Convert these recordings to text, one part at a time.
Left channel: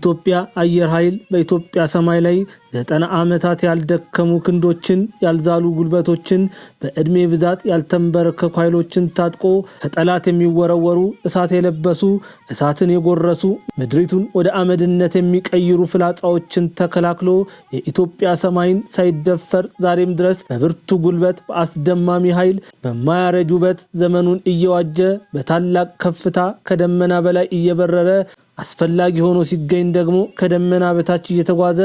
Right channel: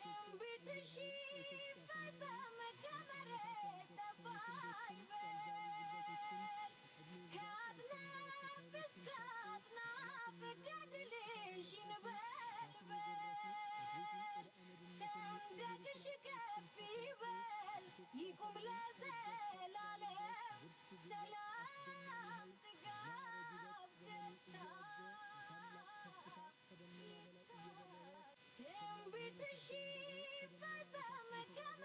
የኢትዮጵያ አየር ኃይል በኢትዮጵያ ሰማይ ላይ 90 ዓመታት ያልደከሙ ክንዶችን ያልዛሉ ጉልበቶችን በእድሜ ብዛት ያልተንበረከኩ ኃይሎችን ታጥቆ ከጠላት የሚወረወሩ እሳት የለበሱ እሳትን የጎረሱ ምድሪቱን ወደ አመድነት የሚቀይሩ ፍላጻዎችን ተከላክሎ የኢትዮጵያ ሰማይን ሳይደፈር ዛሬም ድረስ በብርቱ ጉልበት በአስደማሚ ኃይል በማያረጅ ውበት ዘመኑን እየዋጀ በታላቅ ከፍታ ከደመና በላይ እየበረረ አስፈላጊ ሆኖ ሲገኝ ደግሞ ከደመና በታች እየተጓዘ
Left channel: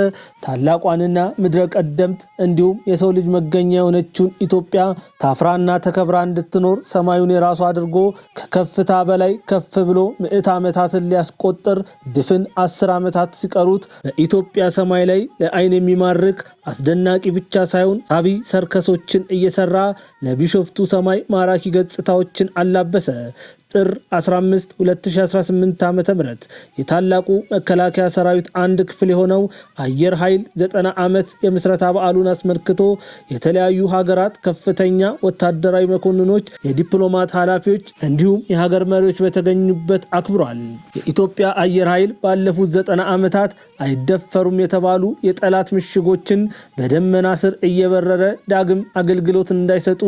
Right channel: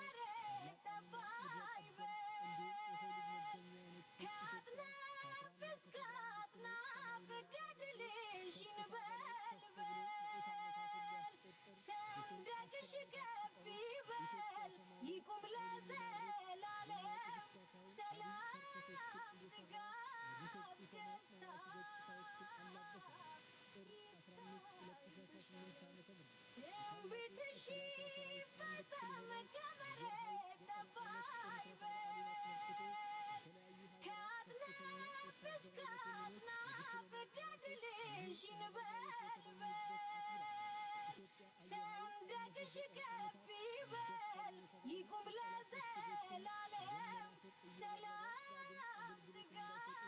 ታላቋንና ምድረ ቀደምት እንዲሁም የሰው ልጅ መገኛ የሆነችውን ኢትዮጵያ ታፍራና ተከብራ እንድትኖር ሰማዩን የራሱ አድርጎ ከከፍታ በላይ ከፍ ብሎ ምዕት ዓመታትን ሊያስቆጥር ድፍን 10 ዓመታት ሲቀሩት በኢትዮጵያ ሰማይ ላይ ለዓይን የሚማርክ አስደናቂ ብቻ ሳይሆን ሳቢ ሰርከሶችን እየሰራ ለቢሾፍቱ ሰማይ ማራኪ ገጽታዎችን አላበሰ። ጥር 15 2018 ዓ.ም የታላቁ መከላከያ ሰራዊት አንድ ክፍል የሆነው አየር ኃይል 90 ዓመት የምስረታ በዓሉን አስመልክቶ የተለያዩ ሀገራት ከፍተኛ ወታደራዊ መኮንኖች፣ የዲፕሎማት ኃላፊዎች እንዲሁም የሀገር መሪዎች በተገኙበት አክብሯል። የኢትዮጵያ አየር ኃይል ባለፉት 90 ዓመታት አይደፈሩም የተባሉ የጠላት ምሽጎችን በደመና ስር እየበረረ ዳግም አገልግሎት እንዳይሰጡ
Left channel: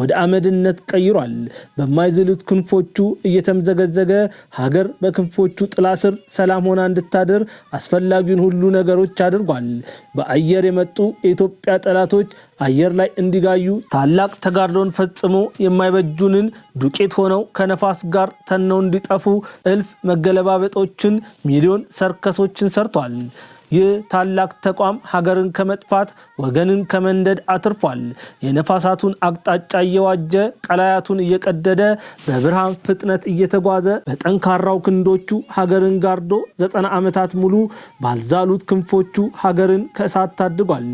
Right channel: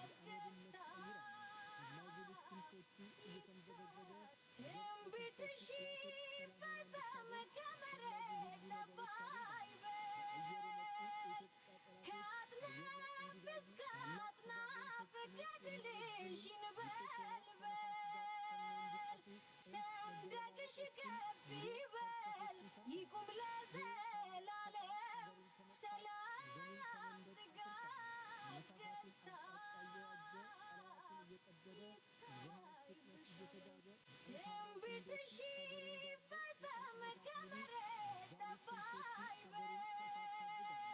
ወደ አመድነት ቀይሯል። በማይዝሉት ክንፎቹ እየተምዘገዘገ ሀገር በክንፎቹ ጥላ ስር ሰላም ሆና እንድታድር አስፈላጊውን ሁሉ ነገሮች አድርጓል። በአየር የመጡ የኢትዮጵያ ጠላቶች አየር ላይ እንዲጋዩ ታላቅ ተጋድሎን ፈጽሞ የማይበጁንን ዱቄት ሆነው ከነፋስ ጋር ተነው እንዲጠፉ እልፍ መገለባበጦችን ሚሊዮን ሰርከሶችን ሰርቷል። ይህ ታላቅ ተቋም ሀገርን ከመጥፋት ወገንን ከመንደድ አትርፏል። የነፋሳቱን አቅጣጫ እየዋጀ ቀላያቱን እየቀደደ በብርሃን ፍጥነት እየተጓዘ በጠንካራው ክንዶቹ ሀገርን ጋርዶ 90 ዓመታት ሙሉ ባልዛሉት ክንፎቹ ሀገርን ከእሳት ታድጓል።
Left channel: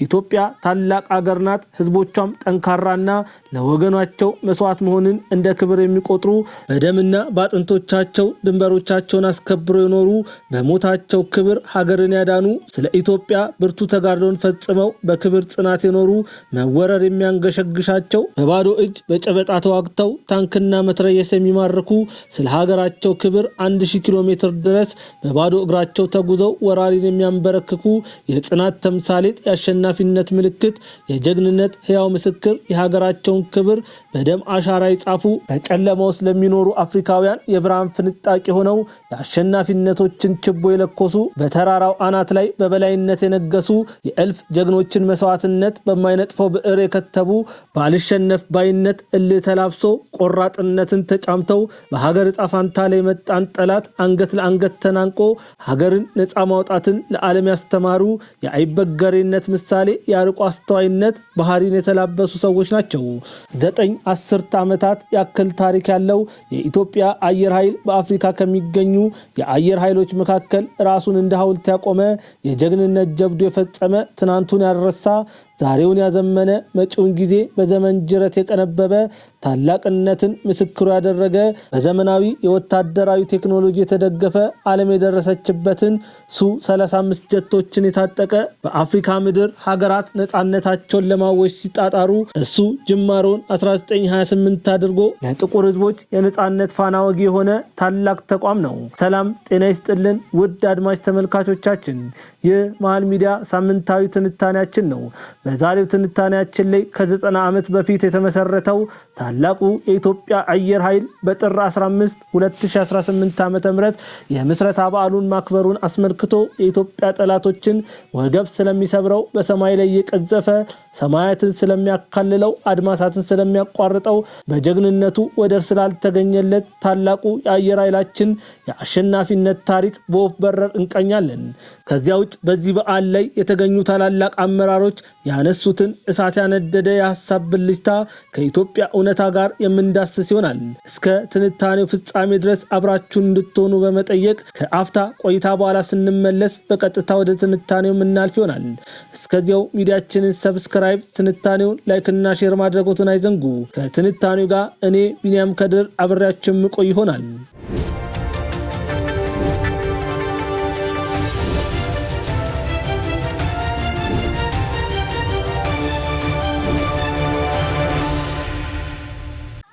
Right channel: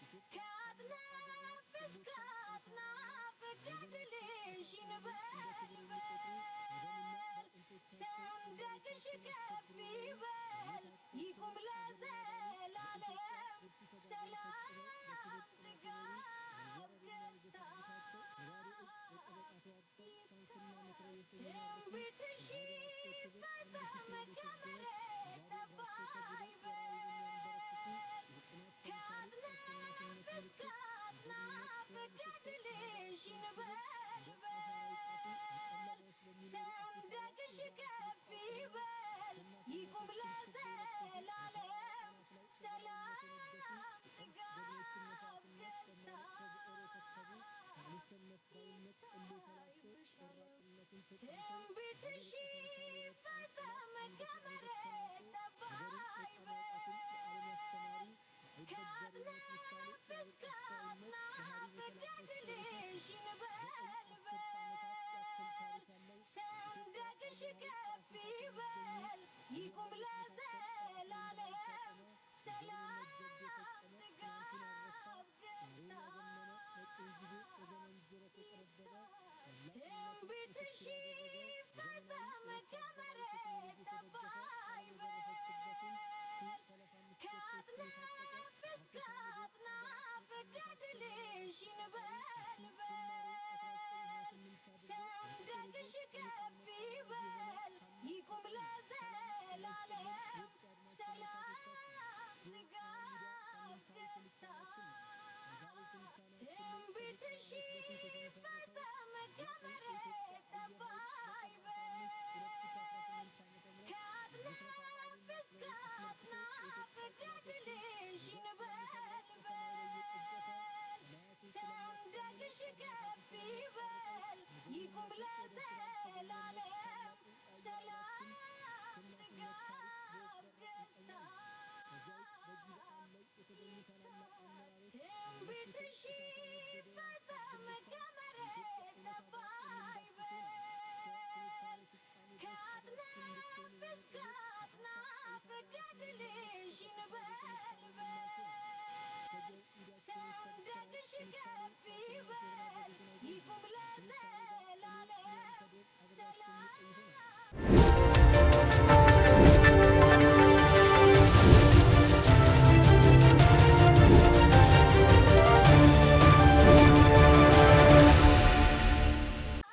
ኢትዮጵያ ታላቅ አገር ናት። ህዝቦቿም ጠንካራና ለወገናቸው መስዋዕት መሆንን እንደ ክብር የሚቆጥሩ በደምና በአጥንቶቻቸው ድንበሮቻቸውን አስከብረው የኖሩ በሞታቸው ክብር ሀገርን ያዳኑ ስለ ኢትዮጵያ ብርቱ ተጋድሎን ፈጽመው በክብር ጽናት የኖሩ መወረር የሚያንገሸግሻቸው በባዶ እጅ በጨበጣ ተዋግተው ታንክና መትረየስ የሚማርኩ ስለ ሀገራቸው ክብር 1000 ኪሎ ሜትር ድረስ በባዶ እግራቸው ተጉዘው ወራሪን የሚያንበረክኩ የጽናት ተምሳሌት የአሸናፊነት ምልክት የጀግንነት ሕያው ምስክር የሀገራቸውን ክብር በደም አሻራ ይጻፉ በጨለማ ውስጥ ለሚኖሩ አፍሪካውያን የብርሃን ፍንጣቂ ሆነው የአሸናፊነቶችን ችቦ የለኮሱ በተራራው አናት ላይ በበላይነት የነገሱ የእልፍ ጀግኖችን መስዋዕትነት በማይነጥፈው ብዕር የከተቡ ባልሸነፍ ባይነት እልህ ተላብሶ ቆራጥነትን ተጫምተው በሀገር ዕጣ ፈንታ ላይ መጣን ጠላት አንገት ለአንገት ተናንቆ ሀገርን ነፃ ማውጣትን ለዓለም ያስተማሩ የአይበገሬነት ምሳሌ የአርቆ አስተዋይነት ባህሪን የተላበሱ ሰዎች ናቸው። 9 ዓመታት ያክል ታሪክ ያለው የኢትዮጵያ አየር ኃይል በአፍሪካ ከሚገኙ የአየር ኃይሎች መካከል ራሱን እንደ ሐውልት ያቆመ የጀግንነት ጀብዱ የፈጸመ ትናንቱን ያረሳ ዛሬውን ያዘመነ መጪውን ጊዜ በዘመን ጅረት የቀነበበ ታላቅነትን ምስክሩ ያደረገ በዘመናዊ የወታደራዊ ቴክኖሎጂ የተደገፈ ዓለም የደረሰችበትን ሱ-35 ጀቶችን የታጠቀ በአፍሪካ ምድር ሀገራት ነፃነታቸውን ለማወጅ ሲጣጣሩ እሱ ጅማሮን 1928 አድርጎ ለጥቁር ሕዝቦች የነፃነት ፋና ወጊ የሆነ ታላቅ ተቋም ነው። ሰላም ጤና ይስጥልን ውድ አድማጭ ተመልካቾቻችን፣ ይህ መሃል ሚዲያ ሳምንታዊ ትንታኔያችን ነው። በዛሬው ትንታኔያችን ላይ ከ90 ዓመት በፊት የተመሰረተው ታላቁ የኢትዮጵያ አየር ኃይል በጥር 15 2018 ዓ.ም የምስረታ በዓሉን ማክበሩን አስመልክቶ የኢትዮጵያ ጠላቶችን ወገብ ስለሚሰብረው በሰማይ ላይ የቀዘፈ ሰማያትን ስለሚያካልለው አድማሳትን ስለሚያቋርጠው በጀግንነቱ ወደር ስላልተገኘለት ታላቁ የአየር ኃይላችን የአሸናፊነት ታሪክ በወፍ በረር እንቀኛለን። ከዚያ ውጭ በዚህ በዓል ላይ የተገኙ ታላላቅ አመራሮች ያነሱትን እሳት ያነደደ የሐሳብ ብልጭታ ከኢትዮጵያ እውነታ ጋር የምንዳስስ ይሆናል። እስከ ትንታኔው ፍጻሜ ድረስ አብራችሁን እንድትሆኑ በመጠየቅ ከአፍታ ቆይታ በኋላ ስንመለስ በቀጥታ ወደ ትንታኔው የምናልፍ ይሆናል። እስከዚያው ሚዲያችንን ሰብስክራይብ፣ ትንታኔውን ላይክና ሼር ማድረጎትን አይዘንጉ። ከትንታኔው ጋር እኔ ቢኒያም ከድር አብሬያችሁ የምቆይ ይሆናል።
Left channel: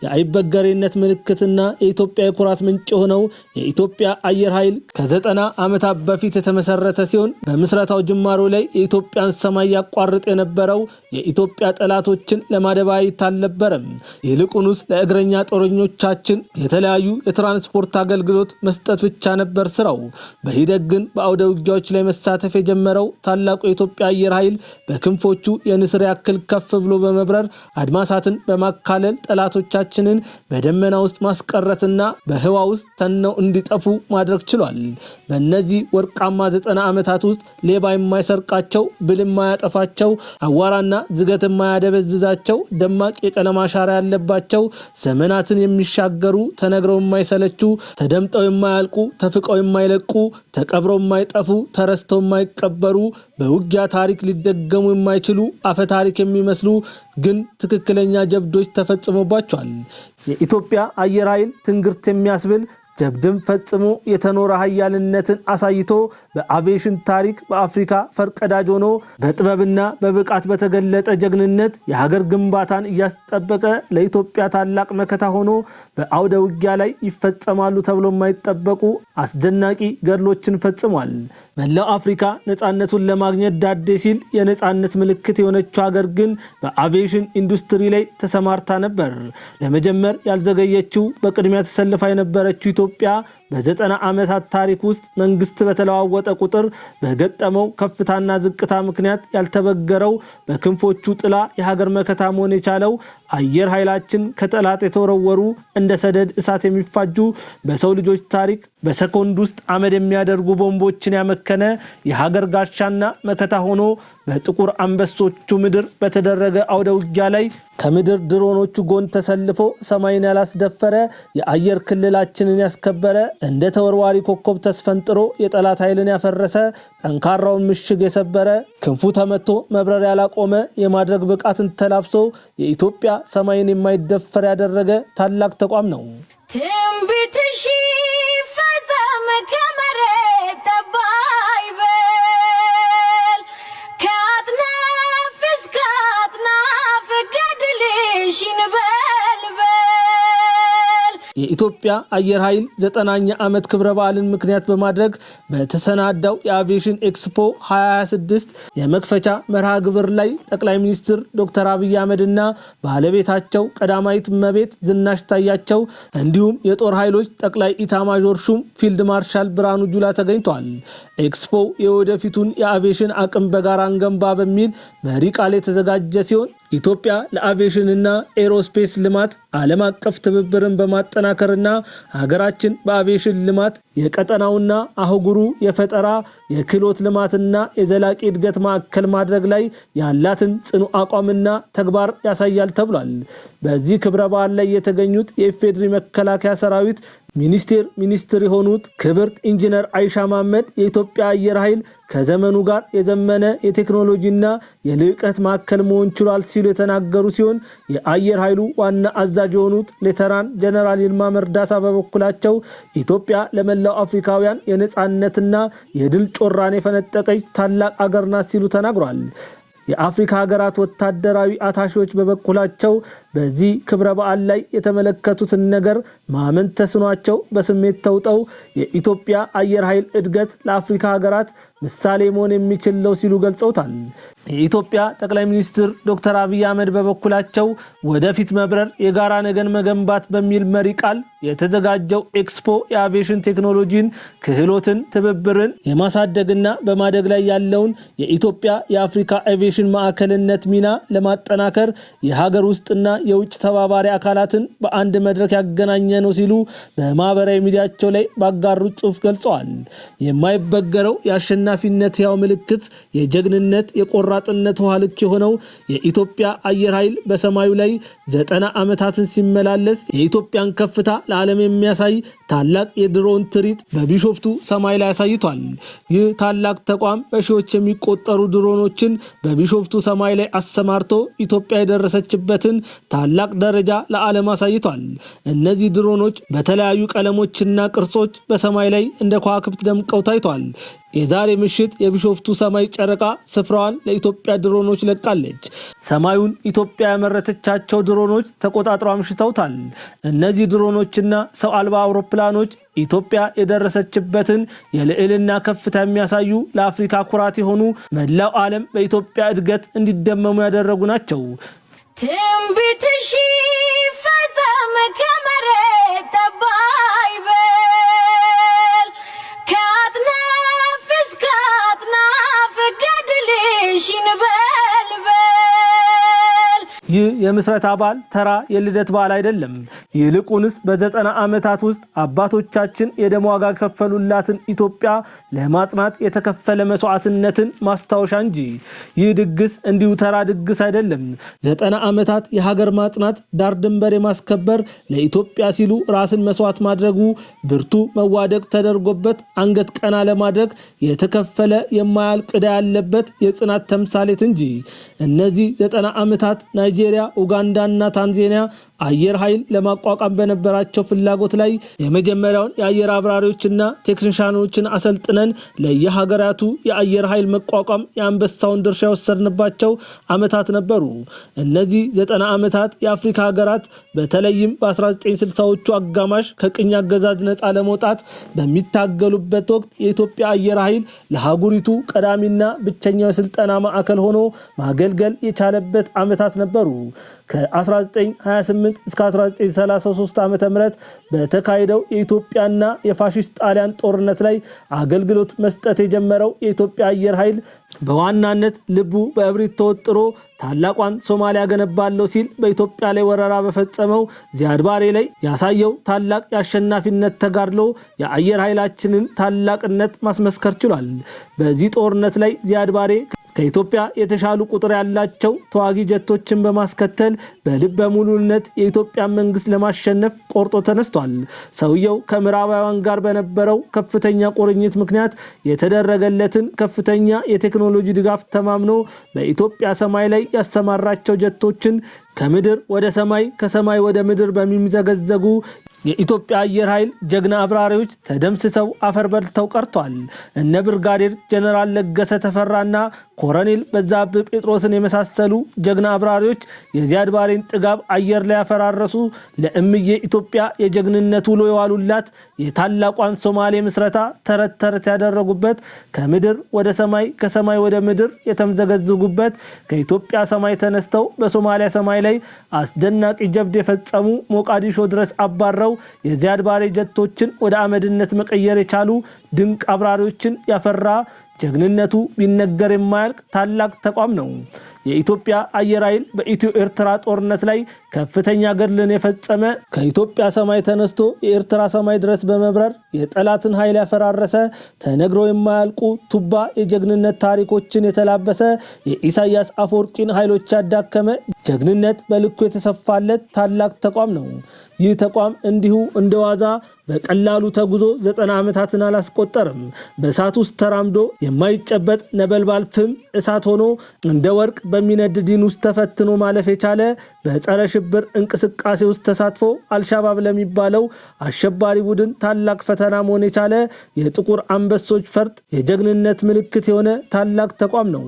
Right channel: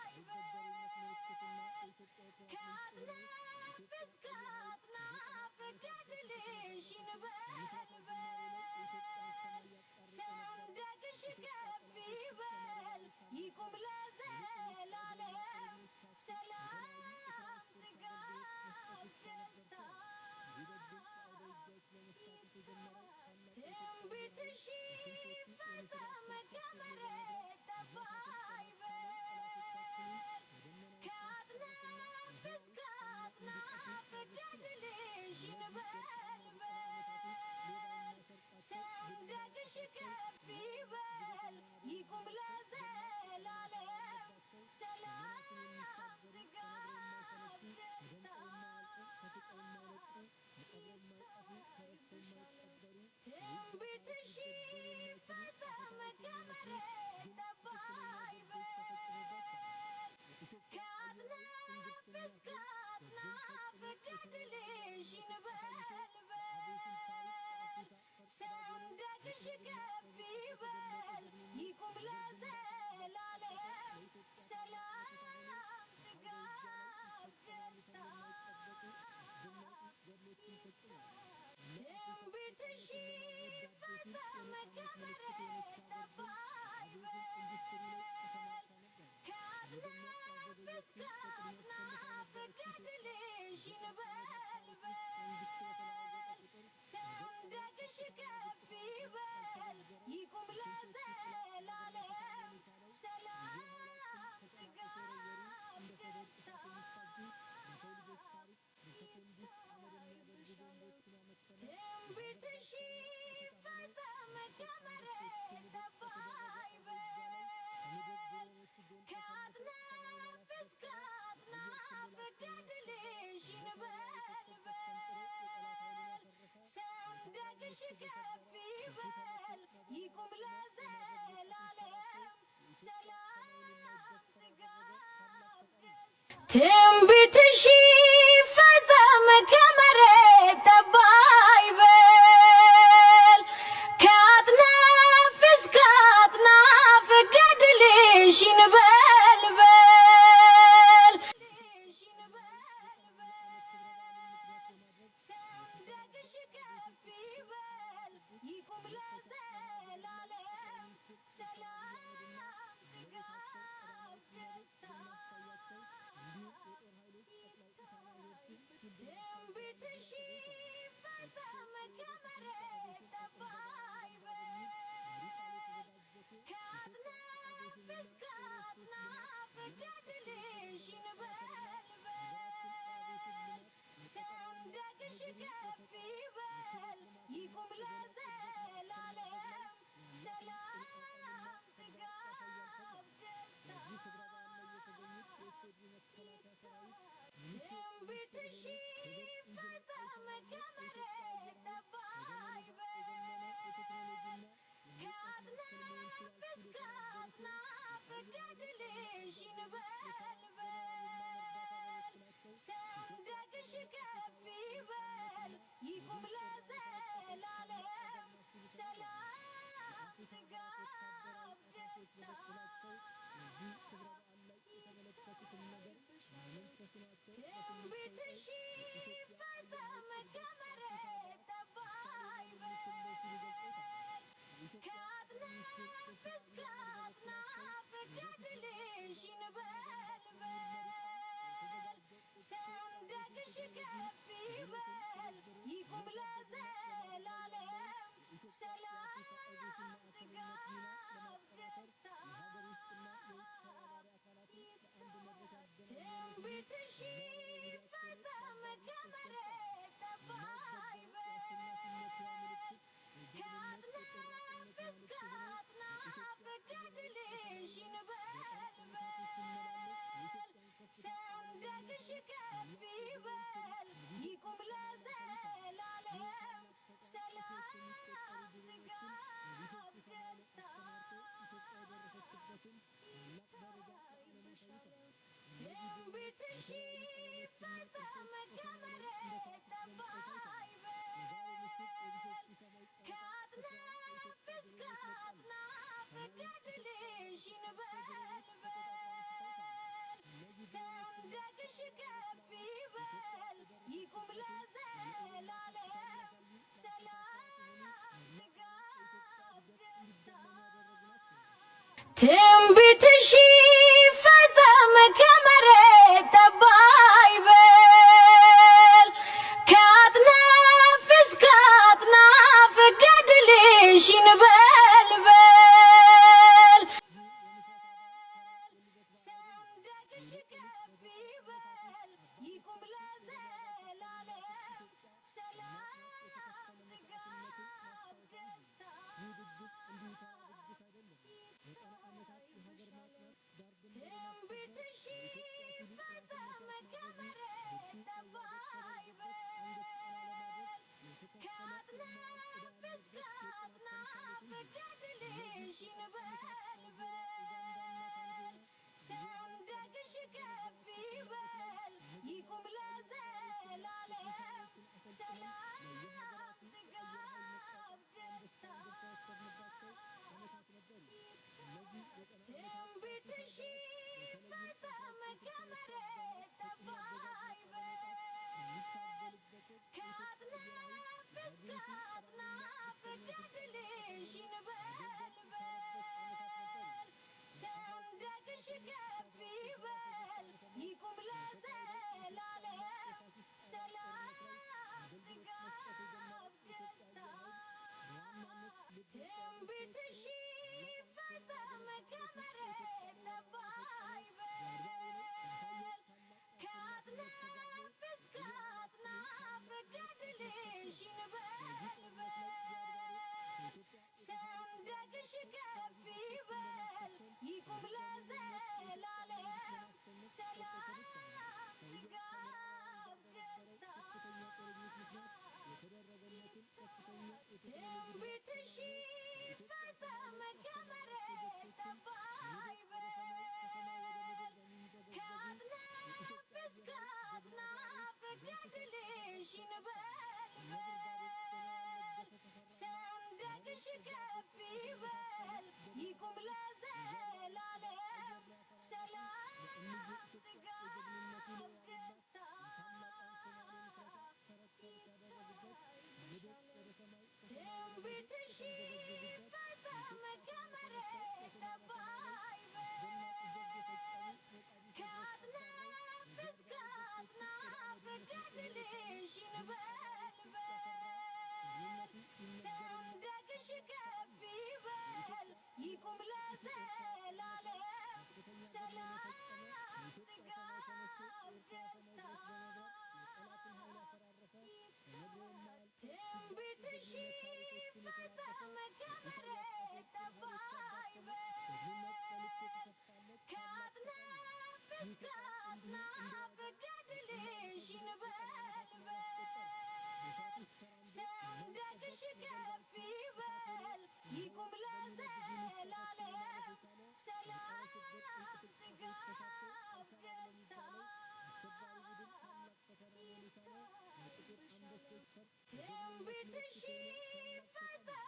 የአይበገሬነት ምልክትና የኢትዮጵያ የኩራት ምንጭ የሆነው የኢትዮጵያ አየር ኃይል ከ90 ዓመታት በፊት የተመሰረተ ሲሆን በምስረታው ጅማሮ ላይ የኢትዮጵያን ሰማይ ያቋርጥ የነበረው የኢትዮጵያ ጠላቶችን ለማደባየት አልነበረም። ይልቁንስ ለእግረኛ ጦረኞቻችን የተለያዩ የትራንስፖርት አገልግሎት መስጠት ብቻ ነበር ስራው። በሂደት ግን በአውደ ውጊያዎች ላይ መሳተፍ የጀመረው ታላቁ የኢትዮጵያ አየር ኃይል በክንፎቹ የንስር ያክል ከፍ ብሎ በመብረር አድማሳትን በማካለል ጠላቶቻችንን በደመና ውስጥ ማስቀረትና በህዋ ውስጥ ተነው እንዲጠፉ ማድረግ ችሏል። በእነዚህ ወርቃማ 90 ዓመታት ውስጥ ሌባ የማይሰርቃቸው፣ ብል የማያጠፋቸው፣ አዋራና ዝገት የማያደበዝዛቸው ደማቅ የቀለም አሻራ ያለባቸው ዘመናትን የሚሻገሩ ተነግረው የማይሰለቹ ተደምጠው የማያልቁ ተፍቀው የማይለቁ ተቀብረው የማይጠፉ ተረስተው የማይቀበሩ በውጊያ ታሪክ ሊደገሙ የማይችሉ አፈ ታሪክ የሚመስሉ ግን ትክክለኛ ጀብዶች ተፈጽሞባቸዋል። የኢትዮጵያ አየር ኃይል ትንግርት የሚያስብል ጀብድም ፈጽሞ የተኖረ ኃያልነትን አሳይቶ በአቪዬሽን ታሪክ በአፍሪካ ፈርቀዳጅ ሆኖ በጥበብና በብቃት በተገለጠ ጀግንነት የሀገር ግንባታን እያስጠበቀ ለኢትዮጵያ ታላቅ መከታ ሆኖ በአውደ ውጊያ ላይ ይፈጸማሉ ተብሎ የማይጠበቁ አስደናቂ ገድሎችን ፈጽሟል። መላው አፍሪካ ነፃነቱን ለማግኘት ዳዴ ሲል የነፃነት ምልክት የሆነችው ሀገር ግን በአቪዬሽን ኢንዱስትሪ ላይ ተሰማርታ ነበር። ለመጀመር ያልዘገየችው በቅድሚያ ተሰልፋ የነበረችው ኢትዮጵያ በ90 ዓመታት ታሪክ ውስጥ መንግስት በተለዋወጠ ቁጥር በገጠመው ከፍታና ዝቅታ ምክንያት ያልተበገረው በክንፎቹ ጥላ የሀገር መከታ መሆን የቻለው አየር ኃይላችን ከጠላት የተወረወሩ እንደ ሰደድ እሳት የሚፋጁ በሰው ልጆች ታሪክ በሰኮንድ ውስጥ አመድ የሚያደርጉ ቦምቦችን ያመከነ የሀገር ጋሻና መከታ ሆኖ በጥቁር አንበሶቹ ምድር በተደረገ አውደ ውጊያ ላይ ከምድር ድሮኖቹ ጎን ተሰልፎ ሰማይን ያላስደፈረ የአየር ክልላችንን ያስከበረ እንደ ተወርዋሪ ኮከብ ተስፈንጥሮ የጠላት ኃይልን ያፈረሰ ጠንካራውን ምሽግ የሰበረ ክንፉ ተመቶ መብረር ያላቆመ የማድረግ ብቃትን ተላብሶ የኢትዮጵያ ሰማይን የማይደፈር ያደረገ ታላቅ ተቋም ነው። ትንቢትሽ ፈጸመ ከመሬት ጠባይ በል ከአጥናፍ እስከ አጥናፍ ገድልሽ ይንበልበል። የኢትዮጵያ አየር ኃይል 90ኛ ዓመት ክብረ በዓልን ምክንያት በማድረግ በተሰናዳው የአቪዬሽን ኤክስፖ 2026 የመክፈቻ መርሃ ግብር ላይ ጠቅላይ ሚኒስትር ዶክተር አብይ አህመድና ባለቤታቸው ቀዳማዊት እመቤት ዝናሽ ታያቸው እንዲሁም የጦር ኃይሎች ጠቅላይ ኢታማዦር ሹም ፊልድ ማርሻል ብርሃኑ ጁላ ተገኝተዋል። ኤክስፖ የወደፊቱን የአቪዬሽን አቅም በጋራ እንገንባ በሚል መሪ ቃል የተዘጋጀ ሲሆን ኢትዮጵያ ለአቪዬሽንና ኤሮስፔስ ልማት ዓለም አቀፍ ትብብርን በማጠናከርና ሀገራችን በአቪዬሽን ልማት የቀጠናውና አህጉሩ የፈጠራ የክህሎት ልማትና የዘላቂ እድገት ማዕከል ማድረግ ላይ ያላትን ጽኑ አቋምና ተግባር ያሳያል ተብሏል። በዚህ ክብረ በዓል ላይ የተገኙት የኢፌዴሪ መከላከያ ሰራዊት ሚኒስትር የሆኑት ክብርት ኢንጂነር አይሻ መሐመድ የኢትዮጵያ አየር ኃይል ከዘመኑ ጋር የዘመነ የቴክኖሎጂና የልዕቀት ማዕከል መሆን ችሏል ሲሉ የተናገሩ ሲሆን የአየር ኃይሉ ዋና አዛዥ የሆኑት ሌተናንት ጀነራል ይልማ መርዳሳ በበኩላቸው ኢትዮጵያ ለመላው አፍሪካውያን የነጻነትና የድል ጮራን የፈነጠቀች ታላቅ አገር ናት ሲሉ ተናግሯል። የአፍሪካ ሀገራት ወታደራዊ አታሺዎች በበኩላቸው በዚህ ክብረ በዓል ላይ የተመለከቱትን ነገር ማመን ተስኗቸው በስሜት ተውጠው የኢትዮጵያ አየር ኃይል እድገት ለአፍሪካ ሀገራት ምሳሌ መሆን የሚችል ነው ሲሉ ገልጸውታል። የኢትዮጵያ ጠቅላይ ሚኒስትር ዶክተር አብይ አህመድ በበኩላቸው ወደፊት መብረር የጋራ ነገን መገንባት በሚል መሪ ቃል የተዘጋጀው ኤክስፖ የአቪዬሽን ቴክኖሎጂን፣ ክህሎትን፣ ትብብርን የማሳደግና በማደግ ላይ ያለውን የኢትዮጵያ የአፍሪካ አቪዬሽን ማዕከልነት ሚና ለማጠናከር የሀገር ውስጥና የውጭ ተባባሪ አካላትን በአንድ መድረክ ያገናኘ ነው ሲሉ በማህበራዊ ሚዲያቸው ላይ ባጋሩት ጽሑፍ ገልጸዋል። የማይበገረው የአሸናፊነት ያው ምልክት የጀግንነት የቆራጥነት ውሃ ልክ የሆነው የኢትዮጵያ አየር ኃይል በሰማዩ ላይ 90 ዓመታትን ሲመላለስ የኢትዮጵያን ከፍታ ለዓለም የሚያሳይ ታላቅ የድሮን ትርኢት በቢሾፍቱ ሰማይ ላይ አሳይቷል። ይህ ታላቅ ተቋም በሺዎች የሚቆጠሩ ድሮኖችን በቢሾፍቱ ሰማይ ላይ አሰማርቶ ኢትዮጵያ የደረሰችበትን ታላቅ ደረጃ ለዓለም አሳይቷል። እነዚህ ድሮኖች በተለያዩ ቀለሞችና ቅርጾች በሰማይ ላይ እንደ ከዋክብት ደምቀው ታይቷል። የዛሬ ምሽት የቢሾፍቱ ሰማይ ጨረቃ ስፍራዋን ለኢትዮጵያ ድሮኖች ለቃለች። ሰማዩን ኢትዮጵያ ያመረተቻቸው ድሮኖች ተቆጣጥረው አምሽተውታል። እነዚህ ድሮኖችና ሰው አልባ አውሮፕላኖች ኢትዮጵያ የደረሰችበትን የልዕልና ከፍታ የሚያሳዩ ለአፍሪካ ኩራት የሆኑ መላው ዓለም በኢትዮጵያ እድገት እንዲደመሙ ያደረጉ ናቸው። ትንቢትሽ ይፈጸም ከመሬት ጠብ አይበል ከአጥናፍ እስከ አጥናፍ ገድልሽ ይንበልበል። ይህ የምስረታ በዓል ተራ የልደት በዓል አይደለም። ይልቁንስ በ90 ዓመታት ውስጥ አባቶቻችን የደም ዋጋ ከፈሉላትን ኢትዮጵያ ለማጽናት የተከፈለ መስዋዕትነትን ማስታወሻ እንጂ። ይህ ድግስ እንዲሁ ተራ ድግስ አይደለም። 90 ዓመታት የሀገር ማጽናት፣ ዳር ድንበር የማስከበር፣ ለኢትዮጵያ ሲሉ ራስን መስዋዕት ማድረጉ ብርቱ መዋደቅ ተደርጎበት አንገት ቀና ለማድረግ የተከፈለ የማያልቅ ዕዳ ያለበት የጽናት ተምሳሌት እንጂ። እነዚህ 90 ዓመታት ናይጄሪያ፣ ኡጋንዳና ታንዛኒያ አየር ኃይል ለማቋቋም በነበራቸው ፍላጎት ላይ የመጀመሪያውን የአየር አብራሪዎችና ቴክኒሻኖችን አሰልጥነን ለየሀገራቱ የአየር ኃይል መቋቋም የአንበሳውን ድርሻ የወሰድንባቸው ዓመታት ነበሩ። እነዚህ 90 ዓመታት የአፍሪካ ሀገራት በተለይም በ1960ዎቹ አጋማሽ ከቅኝ አገዛዝ ነፃ ለመውጣት በሚታገሉበት ወቅት የኢትዮጵያ አየር ኃይል ለሀገሪቱ ቀዳሚና ብቸኛው የስልጠና ማዕከል ሆኖ ማገልገል የቻለበት ዓመታት ነበሩ። ከ1928 እስከ 1933 ዓ.ም በተካሄደው የኢትዮጵያና የፋሺስት ጣሊያን ጦርነት ላይ አገልግሎት መስጠት የጀመረው የኢትዮጵያ አየር ኃይል በዋናነት ልቡ በእብሪት ተወጥሮ ታላቋን ሶማሊያ ገነባለሁ ሲል በኢትዮጵያ ላይ ወረራ በፈጸመው ዚያድ ባሬ ላይ ያሳየው ታላቅ የአሸናፊነት ተጋድሎ የአየር ኃይላችንን ታላቅነት ማስመስከር ችሏል። በዚህ ጦርነት ላይ ዚያድ ባሬ ከኢትዮጵያ የተሻሉ ቁጥር ያላቸው ተዋጊ ጀቶችን በማስከተል በልበ ሙሉነት የኢትዮጵያ መንግስት ለማሸነፍ ቆርጦ ተነስቷል። ሰውየው ከምዕራባውያን ጋር በነበረው ከፍተኛ ቁርኝት ምክንያት የተደረገለትን ከፍተኛ የቴክኖሎጂ ድጋፍ ተማምኖ በኢትዮጵያ ሰማይ ላይ ያሰማራቸው ጀቶችን ከምድር ወደ ሰማይ ከሰማይ ወደ ምድር በሚምዘገዘጉ የኢትዮጵያ አየር ኃይል ጀግና አብራሪዎች ተደምስሰው አፈር በልተው ቀርቷል። እነ ብርጋዴር ጀነራል ለገሰ ተፈራና ኮሎኔል በዛብህ ጴጥሮስን የመሳሰሉ ጀግና አብራሪዎች የዚያድ ባሬን ጥጋብ አየር ላይ ያፈራረሱ፣ ለእምዬ ኢትዮጵያ የጀግንነት ውሎ የዋሉላት፣ የታላቋን ሶማሌ ምስረታ ተረት ተረት ያደረጉበት፣ ከምድር ወደ ሰማይ ከሰማይ ወደ ምድር የተምዘገዘጉበት፣ ከኢትዮጵያ ሰማይ ተነስተው በሶማሊያ ሰማይ ላይ አስደናቂ ጀብድ የፈጸሙ፣ ሞቃዲሾ ድረስ አባረው የዚያድ ባሬ ጀቶችን ወደ አመድነት መቀየር የቻሉ ድንቅ አብራሪዎችን ያፈራ ጀግንነቱ ቢነገር የማያልቅ ታላቅ ተቋም ነው። የኢትዮጵያ አየር ኃይል በኢትዮ ኤርትራ ጦርነት ላይ ከፍተኛ ገድልን የፈጸመ፣ ከኢትዮጵያ ሰማይ ተነስቶ የኤርትራ ሰማይ ድረስ በመብረር የጠላትን ኃይል ያፈራረሰ፣ ተነግሮ የማያልቁ ቱባ የጀግንነት ታሪኮችን የተላበሰ፣ የኢሳያስ አፈወርቂን ኃይሎች ያዳከመ፣ ጀግንነት በልኩ የተሰፋለት ታላቅ ተቋም ነው። ይህ ተቋም እንዲሁ እንደዋዛ በቀላሉ ተጉዞ 90 ዓመታትን አላስቆጠርም። በእሳት ውስጥ ተራምዶ የማይጨበጥ ነበልባል ፍም እሳት ሆኖ እንደ ወርቅ በሚነድ ዲን ውስጥ ተፈትኖ ማለፍ የቻለ፣ በጸረ ሽብር እንቅስቃሴ ውስጥ ተሳትፎ አልሻባብ ለሚባለው አሸባሪ ቡድን ታላቅ ፈተና መሆን የቻለ፣ የጥቁር አንበሶች ፈርጥ የጀግንነት ምልክት የሆነ ታላቅ ተቋም ነው።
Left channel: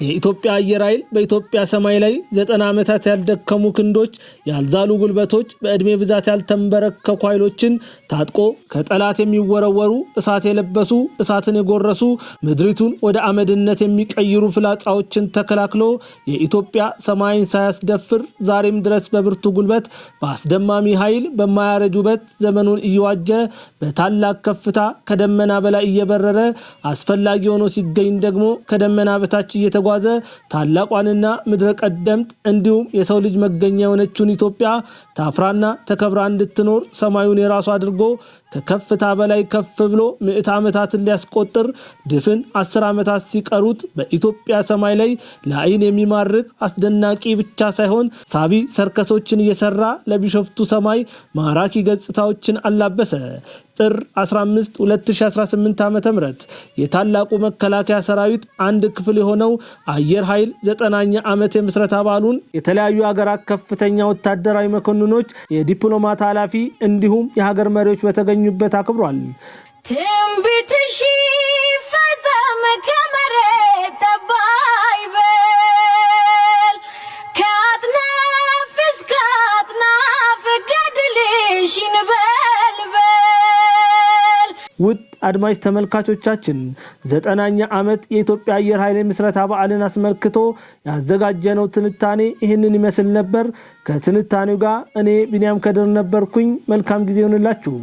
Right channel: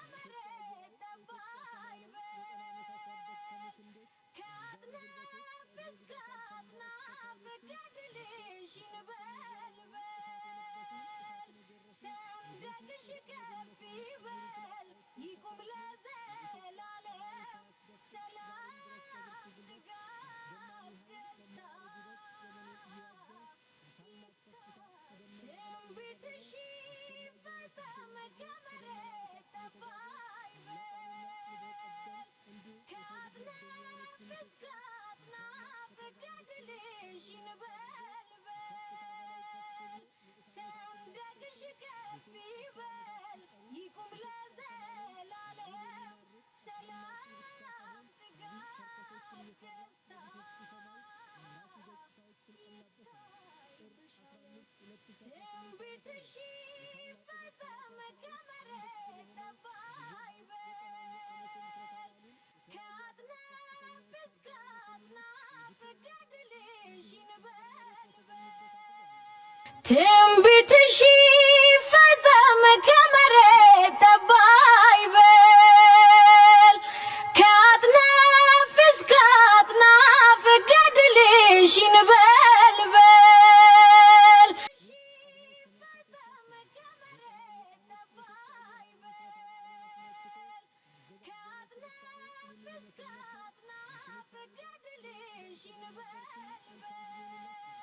የኢትዮጵያ አየር ኃይል በኢትዮጵያ ሰማይ ላይ 90 ዓመታት ያልደከሙ ክንዶች፣ ያልዛሉ ጉልበቶች፣ በዕድሜ ብዛት ያልተንበረከኩ ኃይሎችን ታጥቆ ከጠላት የሚወረወሩ እሳት የለበሱ እሳትን የጎረሱ ምድሪቱን ወደ አመድነት የሚቀይሩ ፍላጻዎችን ተከላክሎ የኢትዮጵያ ሰማይን ሳያስደፍር ዛሬም ድረስ በብርቱ ጉልበት በአስደማሚ ኃይል በማያረጅ ውበት ዘመኑን እየዋጀ በታላቅ ከፍታ ከደመና በላይ እየበረረ አስፈላጊ ሆኖ ሲገኝ ደግሞ ከደመና በታች እየተጓዘ ታላቋንና ምድረ ቀደምት እንዲሁም የሰው ልጅ መገኛ የሆነችውን ኢትዮጵያ ታፍራና ተከብራ እንድትኖር ሰማዩን የራሱ አድርጎ ከከፍታ በላይ ከፍ ብሎ 100 ዓመታትን ሊያስቆጥር ድፍን 10 ዓመታት ሲቀሩት በኢትዮጵያ ሰማይ ላይ ለዓይን የሚማርክ አስደናቂ ብቻ ሳይሆን ሳቢ ሰርከሶችን እየሰራ ለቢሾፍቱ ሰማይ ማራኪ ገጽታዎችን አላበሰ። ጥር 15 2018 ዓ.ም የታላቁ መከላከያ ሰራዊት አንድ ክፍል የሆነው አየር ኃይል 9ኛ ዓመት የምስረታ በዓሉን የተለያዩ ሀገራት ከፍተኛ ወታደራዊ መኮንኖች፣ የዲፕሎማት ኃላፊ እንዲሁም የሀገር መሪዎች በተገኙበት አክብሯል። ትንቢትሽ ይፈጸም ከመሬት ጠብ አይበል ከአጥናፍ እስከ አጥናፍ ገድልሽ ይንበልበል። ውድ አድማጭ ተመልካቾቻችን 9ኛ ዓመት የኢትዮጵያ አየር ኃይል ምስረታ በዓልን አስመልክቶ ያዘጋጀነው ትንታኔ ይህንን ይመስል ነበር። ከትንታኔው ጋር እኔ ቢንያም ከድር ነበርኩኝ። መልካም ጊዜ ይሁንላችሁ።